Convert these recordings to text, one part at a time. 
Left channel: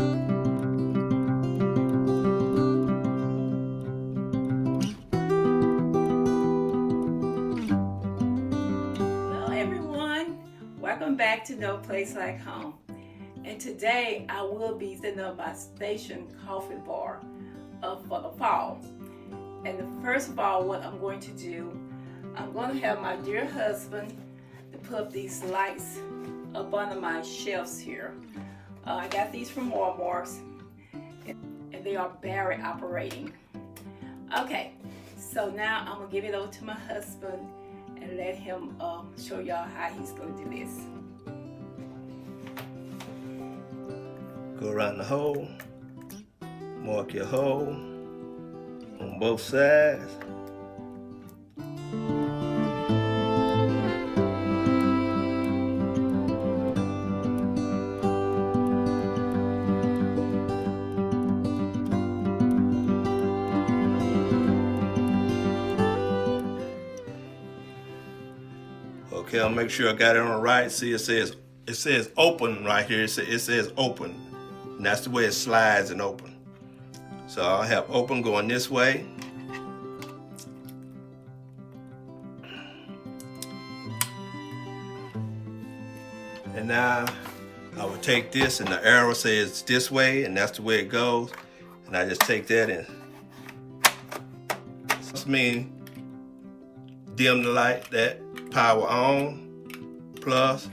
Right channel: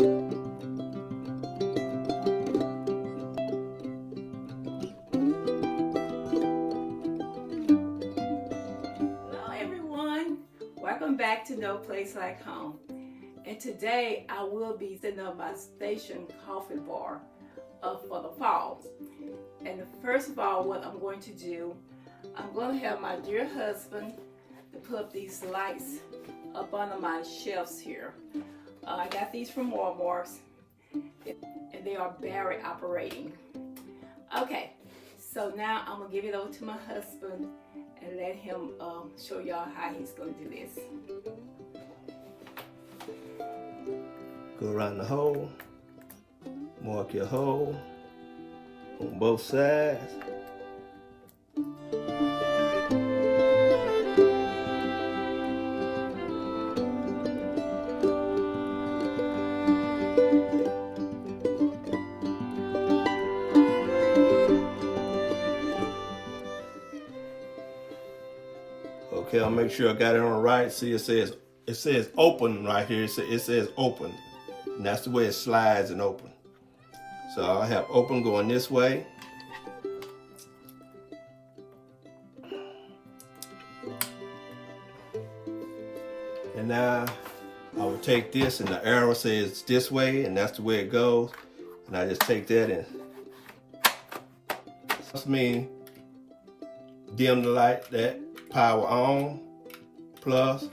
Hello everyone, welcome back to No Place Like Home. And today I will be setting up my station coffee bar for the fall. And first of all, what I'm going to do, I'm going to have my dear husband to put these lights up under my shelves here. I got these from Walmart and they are battery operating. Okay, so now I'm going to give it over to my husband and let him show y'all how he's going to do this. Go around the hole, mark your hole on both sides. Okay, I'll make sure I got it on the right. See, it says open right here. It says open, and that's the way it slides and open. So I'll have open going this way. And now I will take this, and the arrow says this way, and that's the way it goes. And I just take that and this means dim the light, that power on, plus,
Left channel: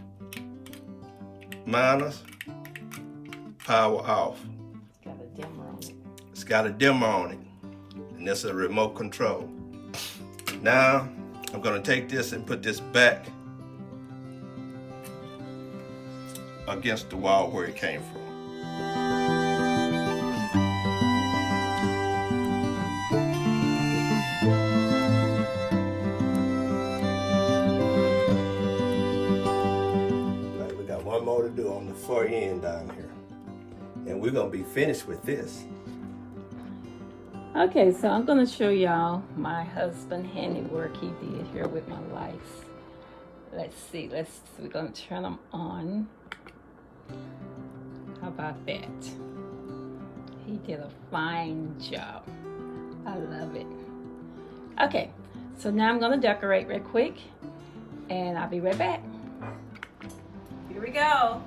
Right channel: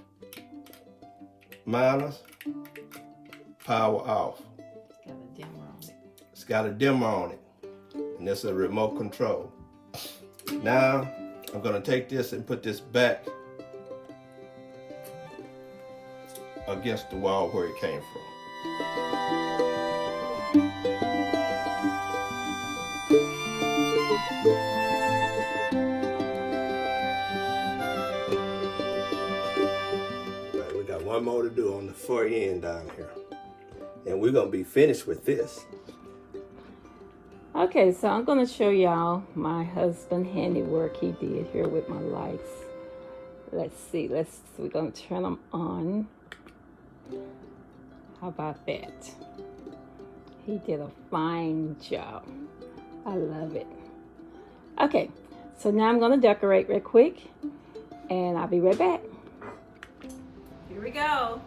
minus, power off. It's got a dimmer on it, and that's a remote control. Now, I'm gonna take this and put this back against the wall where it came from. Right, we got one more to do on the far end down here. And we're gonna be finished with this. Okay, so I'm going to show y'all my husband handiwork he did here with my lights. Let's see, we're going to turn them on. How about that? He did a fine job. I love it. Okay, so now I'm going to decorate real quick and I'll be right back. Here we go.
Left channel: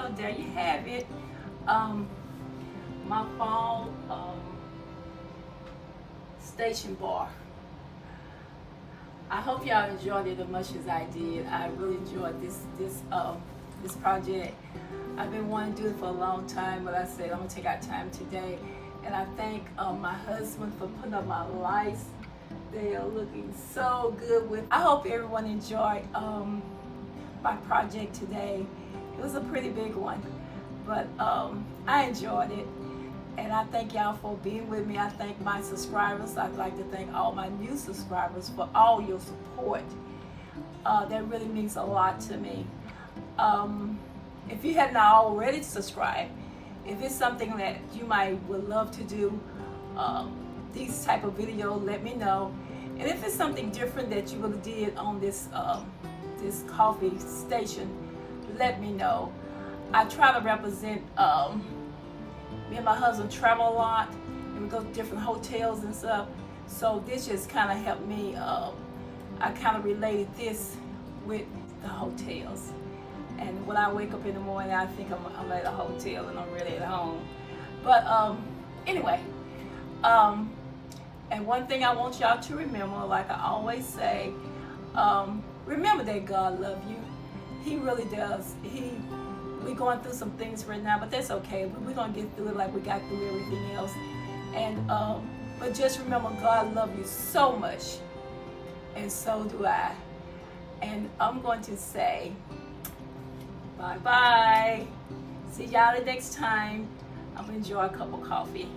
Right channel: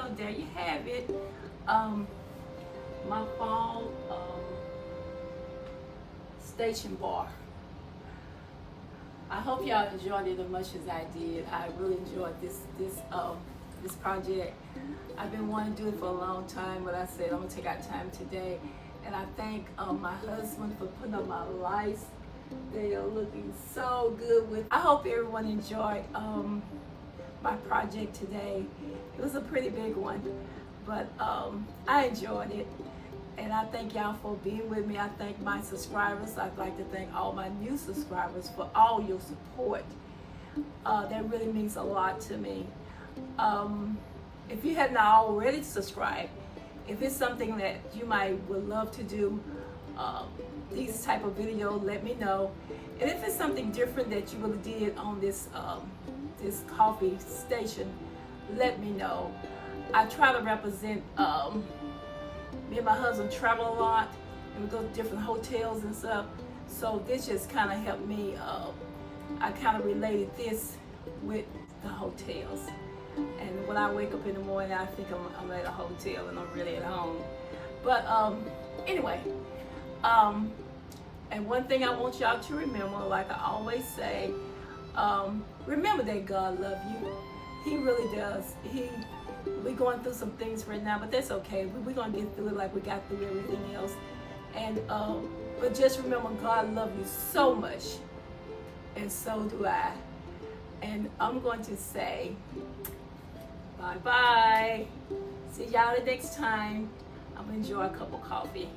so there you have it. My fall station bar. I hope y'all enjoyed it as much as I did. I really enjoyed this project. I've been wanting to do it for a long time, but I said I'm gonna take out time today. And I thank my husband for putting up my lights. They are looking so good. I hope everyone enjoyed my project today. It was a pretty big one, but I enjoyed it. And I thank y'all for being with me. I thank my subscribers. I'd like to thank all my new subscribers for all your support. That really means a lot to me. If you have not already subscribed, if it's something that you would love to do, these type of videos, let me know. And if it's something different that you really did on this this coffee station, let me know. I try to represent. Me and my husband travel a lot, and we go to different hotels and stuff. So this just kind of helped me. I kind of related this with the hotels. And when I wake up in the morning, I think I'm at a hotel and I'm really at home. But anyway, and one thing I want y'all to remember, like I always say, remember that God loves you. He really does. We're going through some things right now, but that's okay. We're gonna get through it like we got through everything else. And but just remember, God loves you so much, and so do I. And I'm going to say bye-bye. See y'all the next time. I'm gonna enjoy a cup of coffee.